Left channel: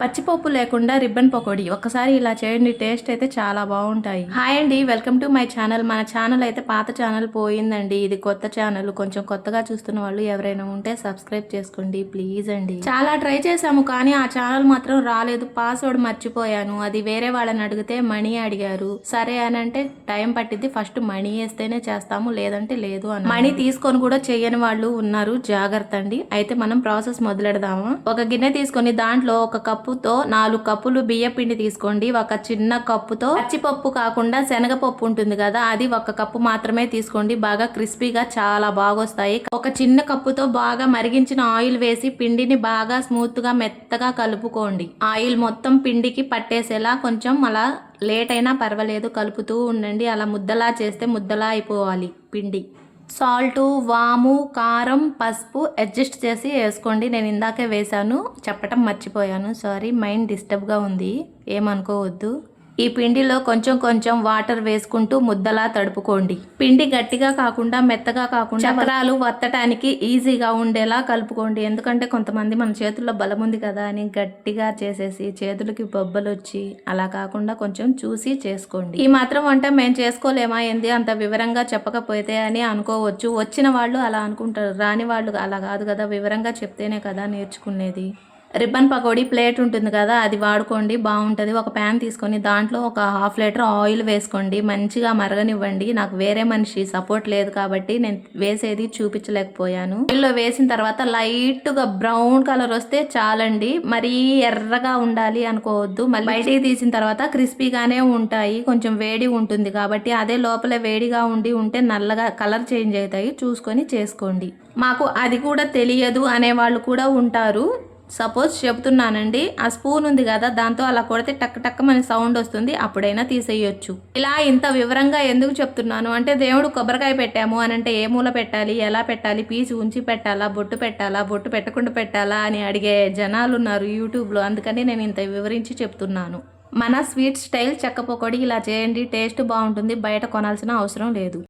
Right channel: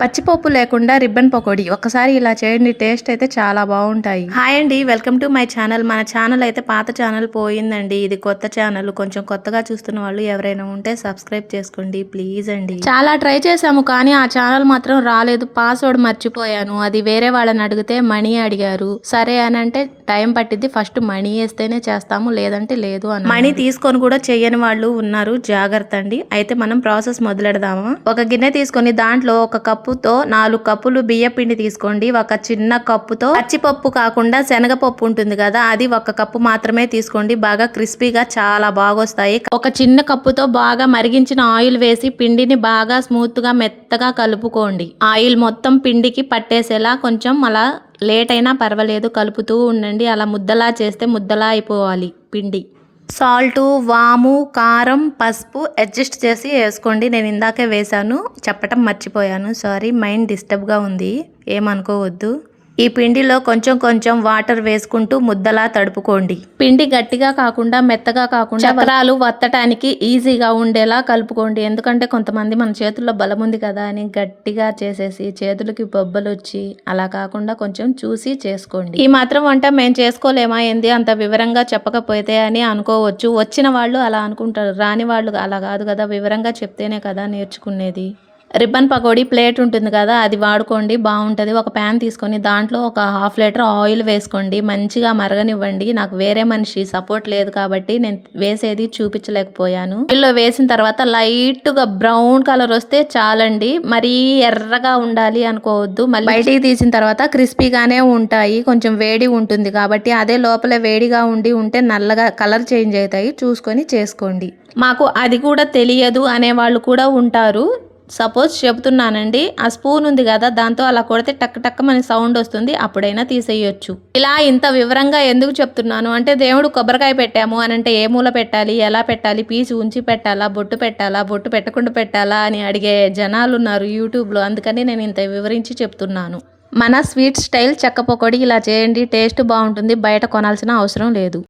పచ్చిపప్పు లేకుండా రిబ్బన్ పకోడీ ఒక్కసారి ఇలా చేయండి, టేస్ట్ అయితే చాలా బాగుంటాయి. హాయ్ అండి, వెల్కమ్ టు మై ఛానల్. మన ఛానల్ అయితే పాత ఛానల్ పోయిందండి, ఇది కొత్త ఛానల్. కొంచెం కొత్తగా చూస్తున్న వాళ్ళు ఎవరైనా ఉంటే సబ్స్క్రైబ్ చేసుకోండి ప్లీజ్ అండి. చాలా ట్రై చేసాము కానీ ఆ ఛానల్ మాత్రం రాలేదు. పాస్వర్డ్ మర్చిపోయాను. అది వేరే వాళ్ళని అడిగితే మనీ అడిగారు. సరే అని అంటే టైం పట్టిద్ది, ఫస్ట్ మనీ వేస్తేనే చేస్తాము లేదంటే లేదు అని. మనీ తీసుకొని కూడా చెయ్యని వాళ్ళు ఉన్నారు, జాగ్రత్త అండి. అయితే మనం ప్రాసెస్ మొదలెడదామా. ఒక గిన్నె తీసుకొని దాంట్లో ఒక కప్పుతో 4 కప్పులు బియ్య పిండి తీసుకోండి. ఒక చిన్న కప్పుతో పచ్చిపప్పు కాకుండా శనగపప్పు ఉంటుంది కదా, అది 1 కప్పు మాత్రమే తీసుకోండి. బాగా క్రిస్పీగా చాలా బాగా వస్తాయి. ఒక చిన్న కప్పుతో బాగా మరిగించిన ఆయిల్ వేసి పిండిని బాగా స్మూత్ గా మెత్తగా కలుపుకోండి. ఆయిల్ మొత్తం పిండికి పట్టేసేలా కొంచెం అలా లేట్ అయినా పర్వాలేదు కలుపుతూ ఉండండి. అలా ముద్దలా చేస్తే ముద్దలా అయిపోవాలి పిండి. సాల్టు, వాము, కారం, పసుపు అడ్జస్ట్ చేసి వేసుకోండి. నేను ఇందాకే వేసాను, చెప్పటం మర్చిపోయాను, సారీ. మైండ్ డిస్టర్బ్గా ఉంది, ఏమనుకోవద్దు. ఈ పిండిలో కొంచెం కొంచెం వాటర్ వేసుకుంటూ ముద్దలా తడుపుకోండి. పిండి గట్టిగా కాకుండా మెత్తగా కాకుండా చక్రాలు వత్తటానికి ఈజీగా ఉండేలా కలుపుకోండి. ఎందుకంటే కొంతమంది మన చేతుల్లో బలం ఉంది కదా అని గట్టిగా చేసేసి చేతులకి బొబ్బలు వచ్చి అలా కాకుండా కొంచెం చూసి చేసుకోండి. ఈ మాత్రం వంట మేము చేసుకోలేమా ఏంది అంత వివరంగా చెప్పకపోతే అని అనుకోవచ్చు. వచ్చిన వాళ్ళు అలా అనుకుంటారు, రాని వాళ్ళు అలా కాదు కదా, వివరంగా చెప్తేనే కదా నేర్చుకునేది. రిబ్బన్ పకోడీ ప్లేట్ ఉంటుంది కదా, అది వాడుకోండి, బాగుంటుంది. ఒక ప్యాన్ తీసుకొని దాంట్లో ఒక 1/2 లీటర్ ఆయిల్ వేసుకోండి. మంచిగా మరగనివ్వండి. నాకు వేరే మనిషి సపోర్ట్ లేదు కాబట్టి నేను వేసేది చూపించలేకపోయాను. ఆయిల్లో వేసిన తర్వాత లైట్గా బ్రౌన్ కలర్ వస్తే చాలండి, మరీ ఎర్రగా ఉండాలి అనుకోవద్దు. మళ్ళీ బయటికి తీసిన తర్వాత క్రిస్పీగానే ఉంటాయి, కొంచెం వేడి ఉంటుంది కాబట్టి. అదే లోపల వేడిగా ఉంటే నల్లగా కలర్ చేంజ్ అవుతాయి, చూసుకొని చేసుకోండి. మాకు అది కూడా తెలియదు అనేవాళ్ళు కూడా ఉంటారు. సపోజ్ చెబుతున్నానండి, ఆ స్పూన్ ఉంది కదా దాంతో అలా కొడితే టక్ టక్ మన సౌండ్ వస్తుంది, అప్పుడైనా తీసేయొచ్చు. ఇలా ఇంత వివరంగా ఎందుకు చెప్తున్నాను అంటే, దేవుడు కొబ్బరికాయ పెట్టాము అని అంటే ఏ మూల పెట్టాలి, ఎలా పెట్టాలి, పీసు ఉంచి పెట్టాలా, బొట్టు పెట్టాలా, బొట్టు పెట్టకుండా పెట్టాలా అని అడిగే జనాలు ఉన్నారు యూట్యూబ్లో. అందుకని నేను ఇంత వివరించి చెప్తున్నాను. మన స్వీట్ స్టైల్ చెక్క పకోడీ ఇలా చేయండి, టేస్ట్ బాగుంటుంది, బయట కొనాల్సిన అవసరం లేదు.